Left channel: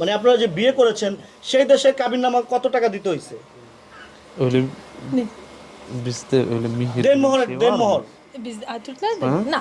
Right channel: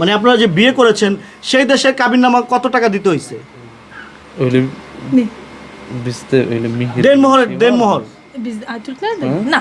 মানে আপনারা যে বিয়ে করেছেন সেই দেশের কাবিননামা কত টাকা দিতে হয়েছে de. Na.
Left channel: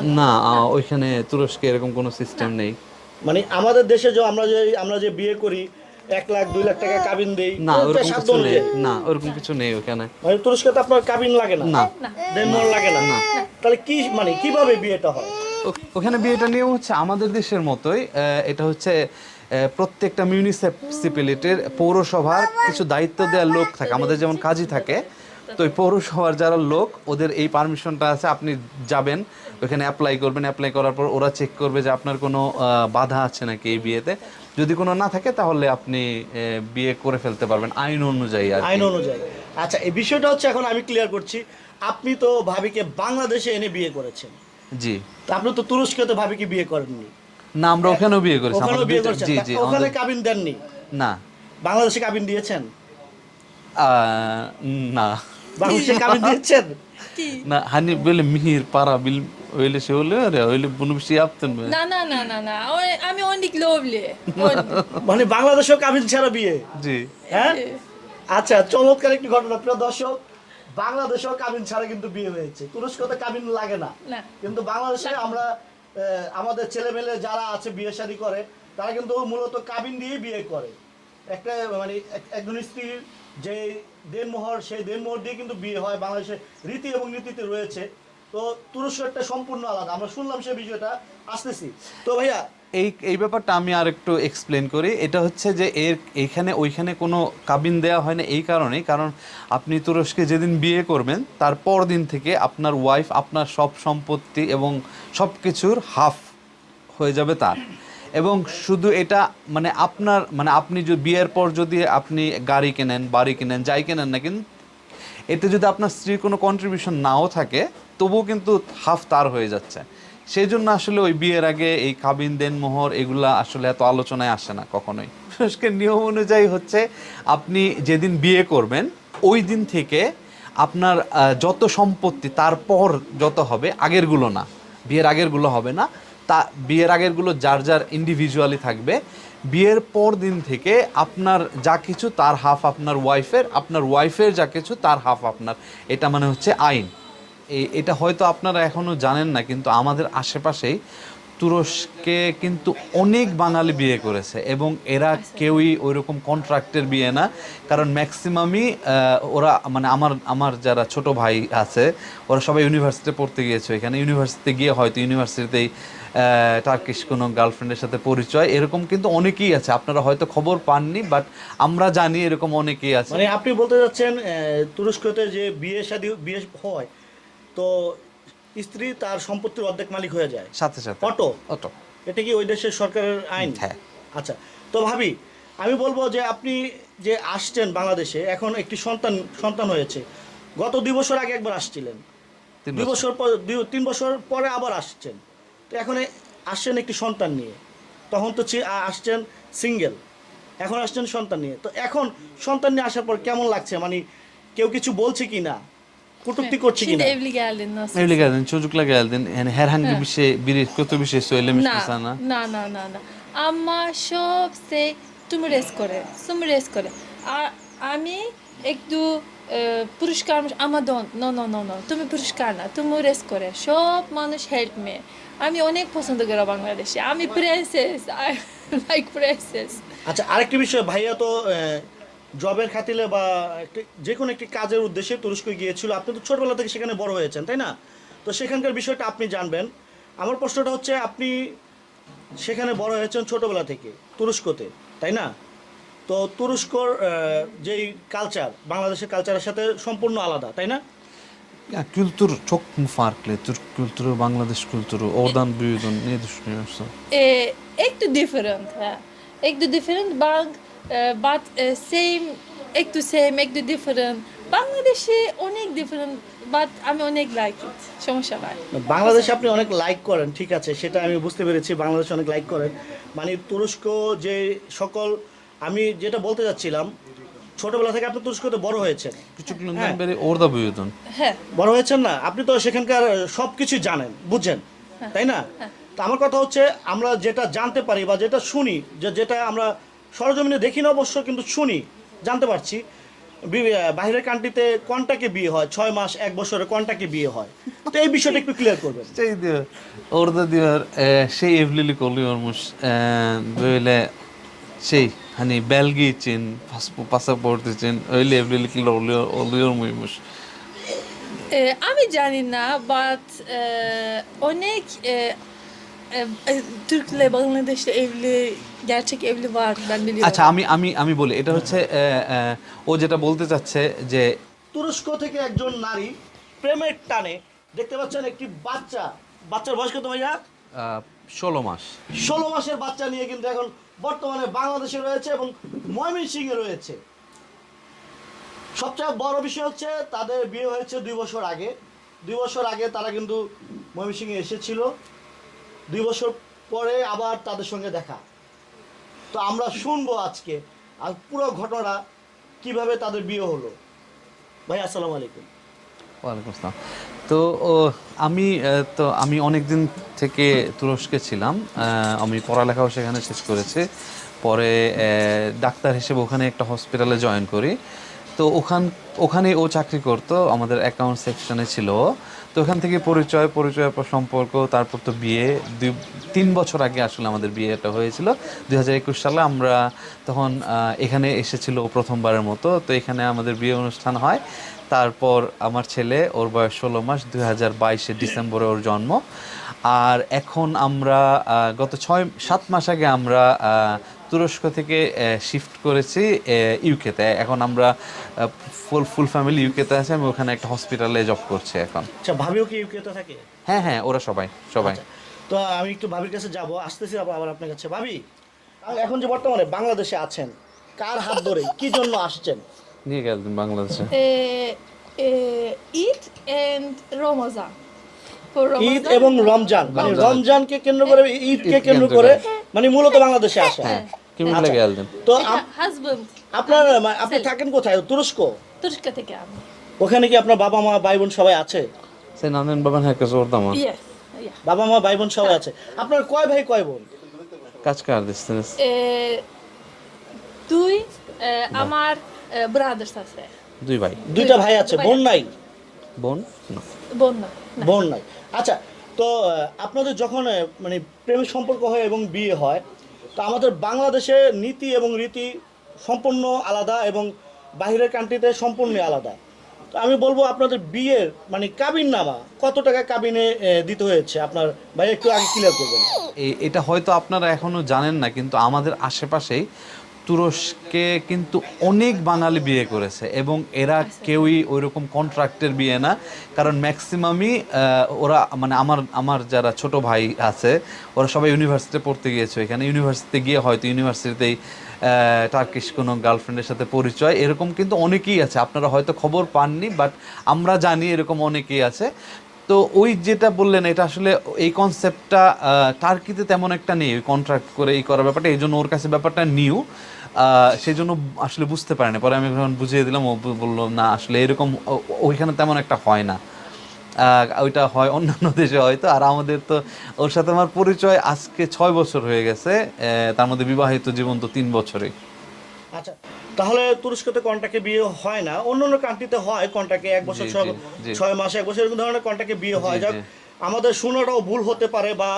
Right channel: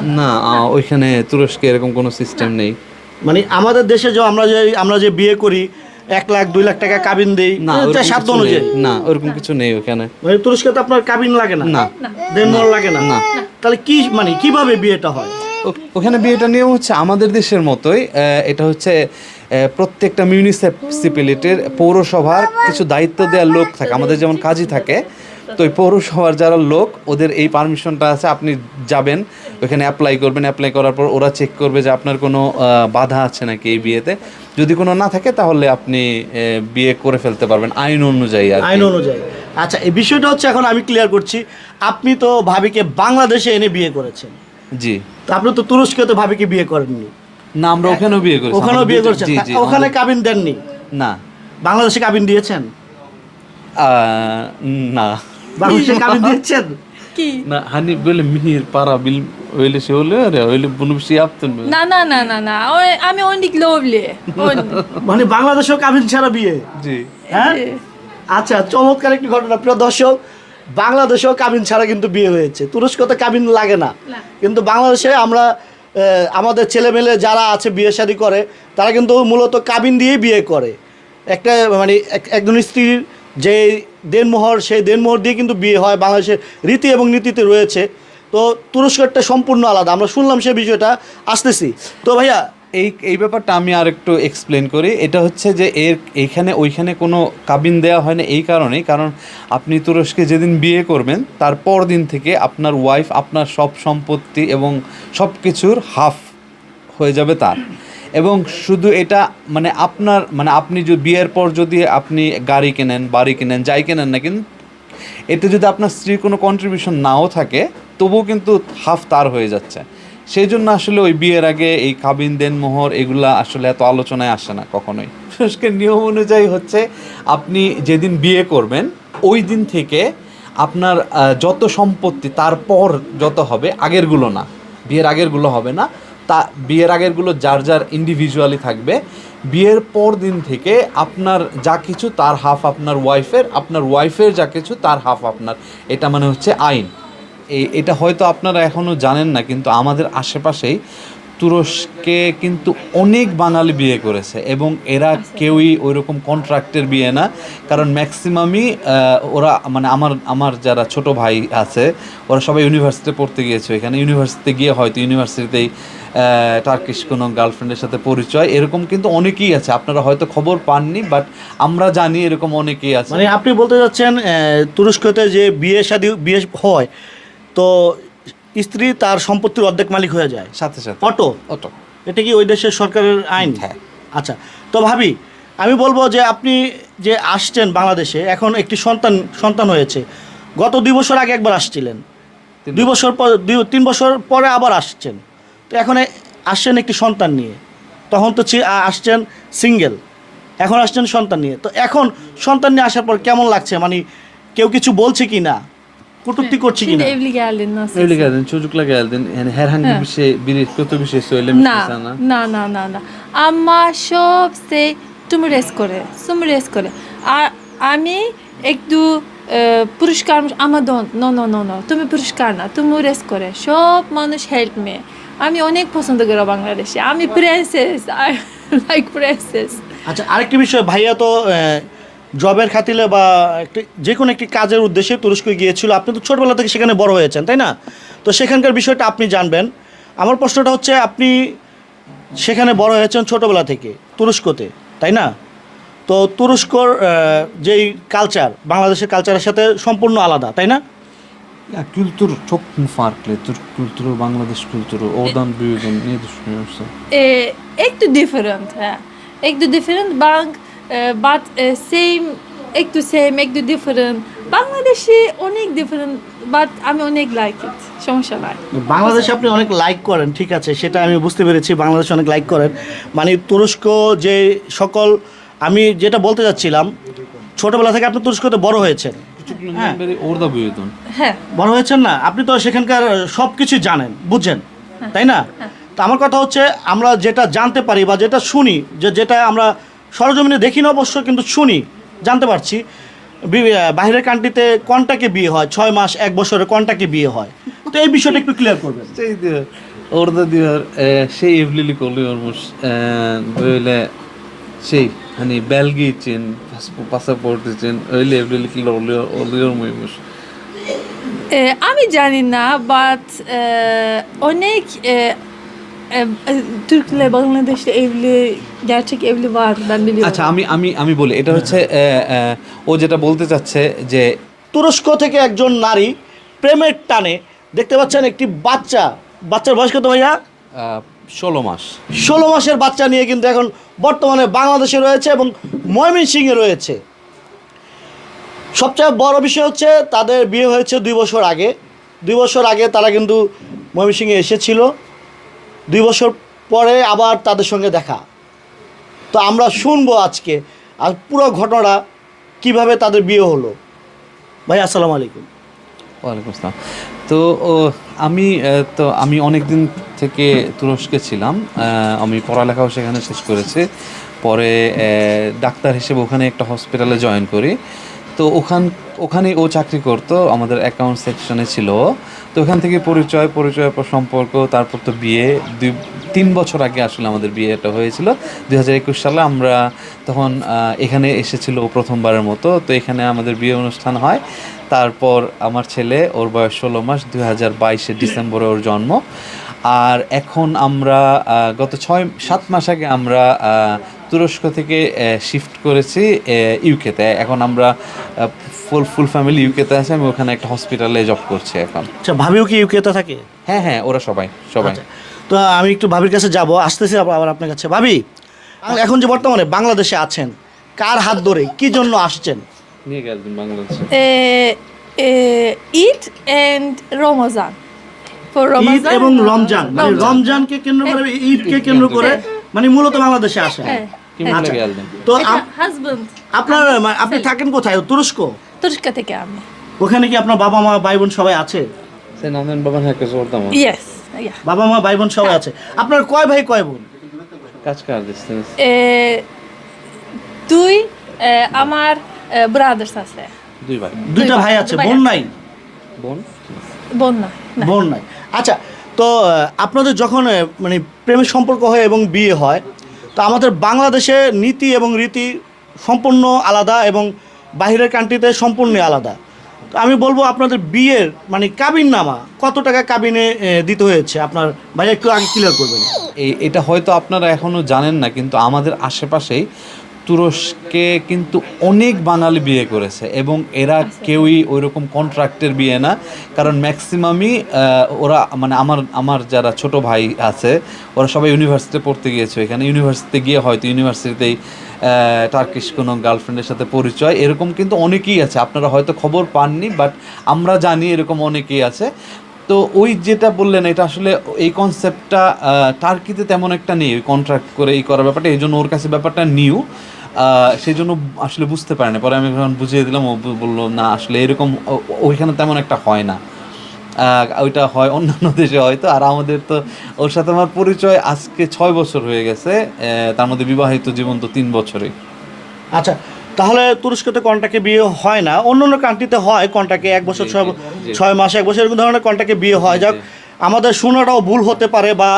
না? ওইখানে তুরস্কে এরকম কোনো সিস্টেম নেই। মানে আমাদের দেশে যে আমরা যে আমরা যে বিয়ে করি এক লাখ দুই লাখ টাকা কাবিন দিই না সাধ্য অনুযায়ী। না ওরকম কিছু নেই ওখানে। মানে তুরস্কে তো আপনার কাবিন লাগে না? না। দেনমোহর লাগে না? না। তাহলে কি মানে কীভাবে বিয়েটা হয়? ওখানে বিয়েটা নিয়ম হচ্ছে আমাদের দেশের মতোই আহ, এটা হচ্ছে প্রত্যেকটা মিউনিসিপ্যালিটির পৌরসভার কিছু দায়িত্ব দেওয়ার লোক থাকে। আমাদের যেমন কাজই থাকে তো ওই পৌরসভার যারা লোক ওদের এই পারমিশনটা আছে আপনি যাবেন ওখানে অ্যাপ্লাই করবেন। অ্যাপ্লাই করার পর ওরা চেক করবে যে আপনার কোনো বাধা আছে নাকি এই বিয়েতে। যদি কোনো না থাকে তাহলে আপনি বিয়ে করে ফেলতে পারবেন আইন অনুযায়ী আর আইন অনুযায়ী। আচ্ছা এই বিষয়টা হচ্ছে এখন আমি ক্লিয়ার করছি। আপনি তো ভাবিকে বাংলাদেশে এনে বিয়ে করেছেন। জি। তো আপনি তো তুরস্কে তো ভাবিকে বিয়ে করেননি। না আমরা ওখানেও বিয়ে করেছি। ওখানেও বিয়ে দুটো- করেছেন? জি জি ওখানে আমাদের- কাবিন দেননি? না। বাংলাদেশে কাবিন দিয়েছেন? আহ, না। বাংলাদেশে kabiin দিয়েছেন. আমি অনেক লোভলি মানে বাংলাদেশেও কাবিন ছাড়া বিয়ে? জি। হ্যাঁ? আচ্ছা চমৎকার একটি ঘটনা। প্রিয় দর্শক বাংলাদেশেও কাবিন ছাড়া কিন্তু বিয়ে হয়েছে। তুরস্কতে কাবিন লাগে না। না। কিন্তু বাংলাদেশে আমরা আমাদের ছেলেমেলে যারা আছে বিয়ে শাদী করে, তারা কিন্তু মূলত কাবিন দিয়েই বিয়ে করে। একটা মানে এক- একজন স্ত্রীর যে দেনমোহর, সেই দেনমোহর দিয়ে কিন্তু বিয়ে হয়। বাংলাদেশের রীতি এবং নীতিতে রয়েছে। তো তুরস্করটা সম্পূর্ণ আলাদা। আমরা শুনলাম সে বিষয়টা, আসতেছি। তো ভাইয়া এই এই ব্যাপারটা আমি আর একটু এক্সপ্লেন করি। এটা হচ্ছে যে এর এইখানে ওইখানে কোনো কাবিন দেওয়া হয় না এই কারণেই। কারণ আপনি তুরস্কে যেদিন বিয়ে করবেন, তার পর দিন থেকে আপনার ওয়াইফ আপনার সব সম্পত্তি এবং সব কিছুর হাফ হয়ে যাবে তার। এবং শুধু এটা মানে আপনার মানে আপনি যদি বিয়ের পর যদি আপনি গাড়ি কেনেন, বাড়ি কেনেন, যাই কেনেন না কিন্তু এতে যদি আপনার স্ত্রীর কোনো কন্ট্রিবিউশন নাও থাকে, তবুও কিন্তু হাফ তার হয়ে যাচ্ছে। সেই জন্য আসলে ওই বিয়ের আগে এই কাবিন, দেন, মোহর এগুলা আসলে এত আলোচনায় আসে না কখনোই। তুরস্কের নিয়ম অনুযায়ী হচ্ছে আপনি যেদিন বিয়ে করবেন, ওই দিন থেকে আপনার যত সম্পত্তি তারপর যত হবে, আগেরগুলো না। বিয়ের আগেরগুলো হবে না। তা, বিয়ের আগেরগুলো যার যার ইন্ডিভিজুয়ালি থাকবে। বিয়ের পর দিন থেকে আপনার যা কিছু তার হাফ আপনার ওয়াইফের আপনার ওয়াইফের যা কিছু তার হাফ আপনার। এটা মানে হচ্ছে আইন। এটা হয়তো আপনারা এখনও জানেন না কিন্তু আমাদের আশেপাশেই তুরস্কে কিন্তু অনেক বাঙালি বিয়ে করেছে এবং এরা কেউই ওইরকম কন্ট্রাক্টের বিয়ে না কারণ ম্যাক্সিমামই ওরা মানে আমার আমার যারা ছোট ভাই আছে ওরা সবাই ইউনিভার্সিটিতে পড়তে গিয়েছে এখানে ইউনিভার্সিটিতে গিয়ে হয়তো ইউনিভার্সিটিতেই টার্কিশ কোনো গার্লফ্রেন্ডের সাথে পরিচয় এরকম কিন্তু অনেকেই আছে। আপনারা হয়তো খবর পাননি বাট আমরা জানি এরকম অনেকেই আছে। মানে আপনি বলতে চাচ্ছেন তুরস্কতে যে বিয়ে শাদী বিয়ে হয় তো স্ত্রী তার সম্পত্তির অর্ধেক মালিক হয়ে যায়। সাথে সাথে। অটো। অটো। এটা কি ওই দেশের সরকারের আইন? হ্যাঁ। আচ্ছা তো ভাবি আমি বলব যে আপনি যে আসছেন বাংলাদেশে এখন একটি সন্তান সন্তান হয়েছে। গত দুই বছর আগে একবার আসছিলেন। দুই বছর। পর দুই তিন বছর পরে আবার আসছেন। তো এখন আসছেন একটি সন্তান নিয়ে। তখন তো আসছেন সিঙ্গেল। এখন আসছেন সন্তান নিয়ে। তো এখন সন্তান নিয়ে আসার পর কেমন লাগছে? মানে কেউ কিছু বলছে কি না? কটূক্তি করছে কি Şimdi evli geldin nasıl? Evli geldin, çocukla geldin. Yani herhangi bir şey, biri kötü bir şey söylemiş mi না sana? না না না না। আমার সব সে তুমি রেস করে তুমি রেস করে। আর আমি একটু আহ, পুরস্কার আমার দন নো নো নো নো তুমি পুরস্কার না তুমি রেস করে। সব মানুষ হেল্প মে আমি অনেক পছন্দ করি বাংলাদেশে। আমি প্রিন্সেস আই লাইক প্রিন্সেস আচ্ছা আরেকটি বিষয় ভাইয়া তো জবের খাতিলে বা একটি যে কোনো একটি কাজের উদ্দেশ্যে তুরস্ক গিয়েছিল আপনি তো ছোটবেলা থেকে সেখানে বড় হয়েছেন তাই না তো সেখানকার বিষয়টা আপনি জানবেন আমার প্রশ্নটা হচ্ছে আপনি সেখানে বড় হয়েছেন ছোটবেলা থেকে তুরস্কতে তাই না তো তুরস্কর যেই কালচার বাংলাদেশের কালচারের সাথে সম্পূর্ণ আলাদা তাই না Ya kültür çok mu farklı? Türk kültürü, Bangladeş kültürü. Oradan büyüdün. Ne düşünüyorsun? একটু ডিফারেন্ট হ্যাঁ একটু ডিফারেন্ট বাং বাট সেম একটু সেম একটু ডিফারেন্ট বাংলাদেশি অনেক ডিফারেন্ট বাট আমি অনেক লাইক ইট সমস্যা নাই। বাংলাদেশে আপনি অনেক লাইক করেন ঠিক আছে সেটা আমি বুঝতে পেরেছি বাংলাদেশে অনেক লাইক করেন। মানে তুরস্ক যে সকল আমি যেটা বলতে যাচ্ছিলাম ছোটবেলা থেকে আপনি তুরস্কতে বড় হয়েছেন। büyüdün. হ্যাঁ। বড় হয়েছেন না আপনি তো সেখানকার সব কিছু জানেন বুঝছেন তাই না? তা আমার কথা হচ্ছে আমরা যেটা জানতে পারি বা যেটা শুনি যে যেটা আমরা সরজমিনে দেখি না অবশ্য কিন্তু শুনি জানতে পারছি। বাহিরের কান্ট্রিতে কোনটাকে বিয়ে হয়? ছয় মাস এক বছরে কোনটাকে বিয়ে হয়? তো এই বিষয়টা একটু ক্লিয়ার করবেন। সেই ওর দাদি ওর সেই এভলিলি করলে ওর বইলে সেই হানি বেলগি চেন পাসাপোর্ট চেন ওইলে এভলিলি কি লড়লে ওলি ওর মুস আমি জানি না বাট অনেক e, Türk'le evli gerçek evli var ben biliyorum. আচ্ছা আমি আমি আমি বলি এটা হচ্ছে ও যেটা বলতে চাচ্ছে যে তুরস্ক থেকে একজন নারী প্রেমের টানে দেখতে পাচ্ছেন একটি বাচ্চা। বাচ্চার বয়স কত ভাইয়া? ষোলো মাস। ষোলো মাসের বাচ্চা নিয়ে কিন্তু এখন বর্তমানে বাংলাদেশে রয়েছে এবং ময়মনসিংহে রয়েছে। সবচেয়ে বড় বিষয় হচ্ছে তাদের বিয়ে হয়েছে দুই বছর আগে। দুই বছর আগে তারা কিন্তু ময়মনসিংহে এসেছিল। দুই বছর পরে আবার তাদের সঙ্গে দেখা। তো আমরা শুনব আজকে, আর পুরো ঘটনা কীভাবে তাদের বিয়ে হলো। ভাই, আসসালামু আলাইকুম। ওয়ালাইকুম আসসালাম। তো আমি তো আমি অনেক দিন থেকে তুরস্কে ছিলাম। আমি পড়ালেখাও সেখানে শেষ করেছি। পরে ডাক্তার হিসেবে ওখানে একটা হসপিটালে জয়েন করি। তো ওখান, ওখানে ও চাকরি করতো, আমাদের অ্যাকাউন্ট সেকশনে ছিল। তো ওখান থেকে পরিচয় পরিচয়ের পর সম্পর্ক, তারপর তো বিয়ে। দুই, তিন বছর আগে আসলে আমাদের বিয়েটা হয়েছিল। দুই হাজার একুশ সালে আমরা তখন এখানে এসেছিল প্রথমবারের মতো। তো এখানে আমাদের বিয়ে অনুষ্ঠান হয়। তারপর আমার ছেলে, ওর বয়স ষোলো মাস, দুই হাজার বাইশে ডিসেম্বরে ওর জন্ম। আর এখন আমরা গত ছয়, সাত মাস আগে আমরা তুরস্ক থেকে শিফট করেছি ইউকেতে এখন আমরা ফুল ফুল ফ্যামিলি ইউকেতে আছে আমি ওখানে একটা হসপিটালে জব করছি এখন। আচ্ছা ভাবিও কি ইউকেতে থাকে? হ্যাঁ হ্যাঁ ওরা সবাই সবাই। আচ্ছা, তো আমি একটু ভাবির কাছে যাব আসতেছি আবার আপনার কাছে। ভাবি এখন যে বর্তমানে বাংলাদেশে আছেন কার হাত ধরে কি জন্য আসছেন? বাংলাদেশে? and Ramazan. For ঈদ এবং রমজান মানে রমজানকে কেন্দ্র করে ঈদকে কেন্দ্র করে মানে মূলত বাংলাদেশে আসেন। আচ্ছা। তো হাজবেন্ড আপনার আপনি থাকেন কোথায়? তুরস্ক? তুরস্ক থেকে আমি। ওখানে কি আপনার বাবা মা ভাই বোন সবাই আছে. বাবা মা ভাই বোন সবাই আছে। আপনার কয় ভাই কয় বোন? kardeşsiniz? E, দুই e, আমার brothers আছে। Duy ভাই। দুইটা ভাই, আছে। দুই ভাই বোন নাই? বোন? বোন না। বোন নাই। আচ্ছা তো আপনাদের যখন মানে প্রেমের সম্পর্ক হয় এবং বিয়ে হয় তো আমাদের বাংলাদেশে নীতি এবং রীতি সম্পূর্ণ আলাদা এবং বাহিরের কান্ট্রিতে সম্পূর্ণ আলাদা। তো আমি বলব আপনাদের বিয়ের মানে কাবিন নামা কত টাকা কাবিনে দিতে হয়েছে? আপনার ভাই একটু আগে ক্লিয়ার করবেন। এটা হয়তো আপনারা এখনও জানেন না, কিন্তু আমাদের আশেপাশেই তুরস্কে কিন্তু অনেক বাঙালি বিয়ে করেছে এবং এরা কেউই ওই রকম কন্ট্রাক্টের বিয়ে না। কারণ ম্যাক্সিমামই ওরা মানে আমার আমার যারা ছোট ভাই আছে ওরা সবাই ইউনিভার্সিটিতে পড়তে গিয়েছে। এখানে ইউনিভার্সিটিতে গিয়ে হয়তো ইউনিভার্সিটিতেই টার্কিশ কোনো গার্লফ্রেন্ডের সাথে পরিচয়। এরকম কিন্তু অনেকেই আছে। আপনারা হয়তো খবর পাননি বাট আমরা জানি এরকম অনেকেই আছে। তো ওই যেটা বললেন, এটা আসলে এই কনসেপ্টটা টার্কিতে তেমন একটা নেই কন্ট্রাক্ট করে এই করার ব্যাপারটা। এই জন্য ওর কাছে ব্যাপারটা নিউ সেই জন্য আসলে বুঝতে পারে না। পরে আমি যখন বুঝিয়ে দিলাম, ও বলল, না, আসলে এরকম ওইখানে তেমন একটা হয় না। ওইটা হয়, অন্যান্য দেশে হয়তো আর আমাদের তো, ওর সাথে আমার পরিচয় আজকে ছয় বছর হয়ে গেছে তার মধ্যে বিবাহিত জীবন তো তিন বছরে আচ্ছা তাহলে তুরস্কতে কন্টাকে বিয়ে হয় না। অন্য অন্য কান্ট্রিতে হয় কন্টাকে এক বছর ছয় ছয় মাস এক বছর এরকম ধরনের কন্টাকে বিয়ে হয়। যাক আমাদের শোনাটাও ভুল হতে পারে বা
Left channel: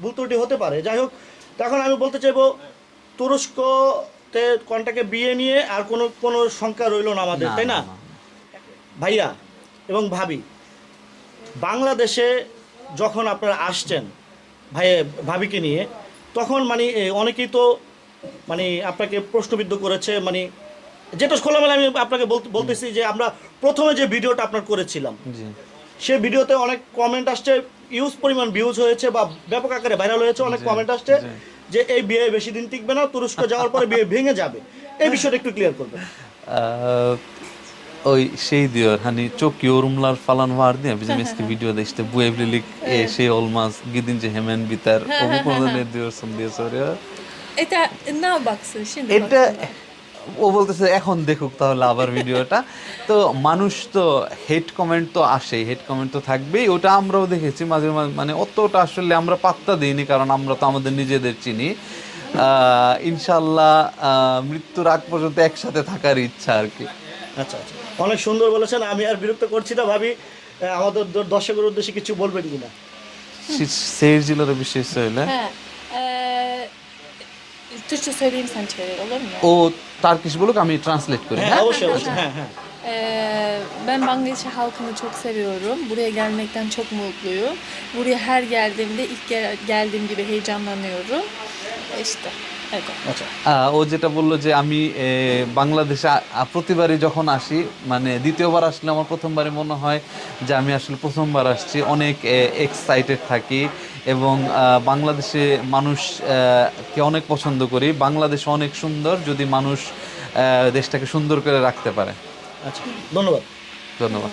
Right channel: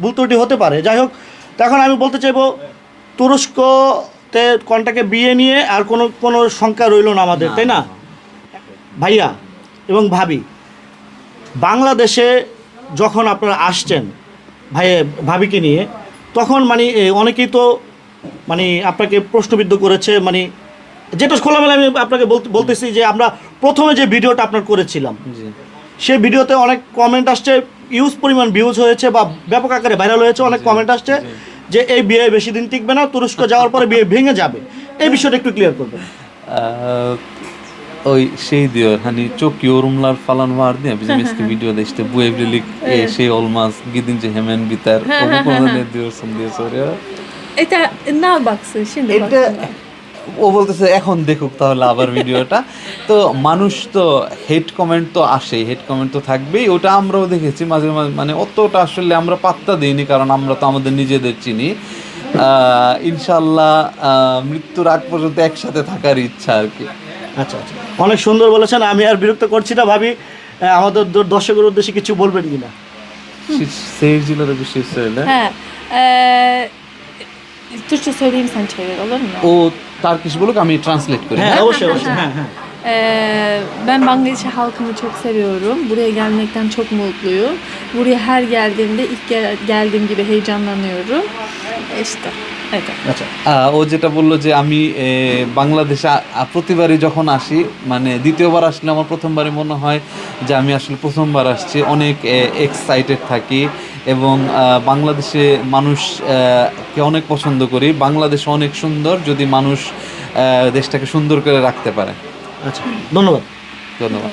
ভুল ত্রুটি হতে পারে। যাই হোক তো এখন আমি বলতে চাইব তুরস্কতে কন্টাকে বিয়ে নিয়ে আর কোনো কোনো শঙ্কা রইল না আমাদের তাই না? ভাইয়া এবং ভাবি বাংলাদেশে যখন আপনারা আসছেন ভাই ভাবিকে নিয়ে তখন মানে অনেকেই তো মানে আপনাকে প্রশ্নবিদ্ধ করেছে মানে যেটা খোলামেলা আমি আপনাকে বলতেছি যে আমরা প্রথমে যে ভিডিওটা আপনার করেছিলাম সেই ভিডিওতে অনেক কমেন্ট আসছে ইউজ পরিমাণ ভিউজ হয়েছে বা ব্যাপক আকারে ভাইরাল হয়েছে অনেক কমেন্ট আসছে যে এই বিয়ে বেশি দিন টিকবে না তুরস্ক যাওয়ার পরে বিয়ে ভেঙে যাবে। এই বিষয়টা একটু ক্লিয়ার করবেন। Ee, o şey diyor hani çok yorumlar falan vardı ya bizim eski videoda işte bu evlilik e, şey olmaz gidince hemen biter. O bu konuda Eta ne baksın şimdi এটা ও বলতেছে এখন দেখুক তাহলে আবার ভিডিওটা। তো মানুষ তো হেড কমেন্ট তো আসেই হেড কমেন্ট তো থাকবেই। ওটা আমরাও দেখেছি মাঝে মাঝে মানে অতটা আসলে আমরা পাত্তা দিইনি কারণ আমরা তো আমাদের নিজেদের চিনি। আহ, ইনশাল্লাহ মৃত্যুর আগ পর্যন্ত একসাথে থাকার ইচ্ছা আর কি। আচ্ছা আচ্ছা। অনেক সুন্দর বলেছেন আমি আর বিরক্ত করছি না ভাবি আমাদের দর্শকের উদ্দেশ্যে কিছু বলবেন কিনা? seyircilere bir şey söyle. Ee, তার কিছু বলুক আমি ট্রান্সলেট করি হ্যাঁ অবশ্যই হ্যাঁ হ্যাঁ ben Bangladeş'e halkımı çok seviyorum. Buraya gelmekten çok mutluyum. Buraya her geldiğimde ilk geldiğim gibi heyecanlanıyorum. İşte. আচ্ছা ও যেটা বলল যে আমি বাংলাদেশে প্রতিবারই যখন আসি মানে দ্বিতীয়বার আসলে আমার প্রথমবারই মনে হয় যে আমি আসলে প্রথমবার আসছি অনেক এক্সাইটেড থাকি এবং বাংলাদেশে মানুষকে কে অনেক পছন্দ করি। বাংলাদেশ অনেক সুন্দর যদি মানুষ দেশটাকে সুন্দর করে রাখতে পারে। আচ্ছা ধন্যবাদ। ধন্যবাদ।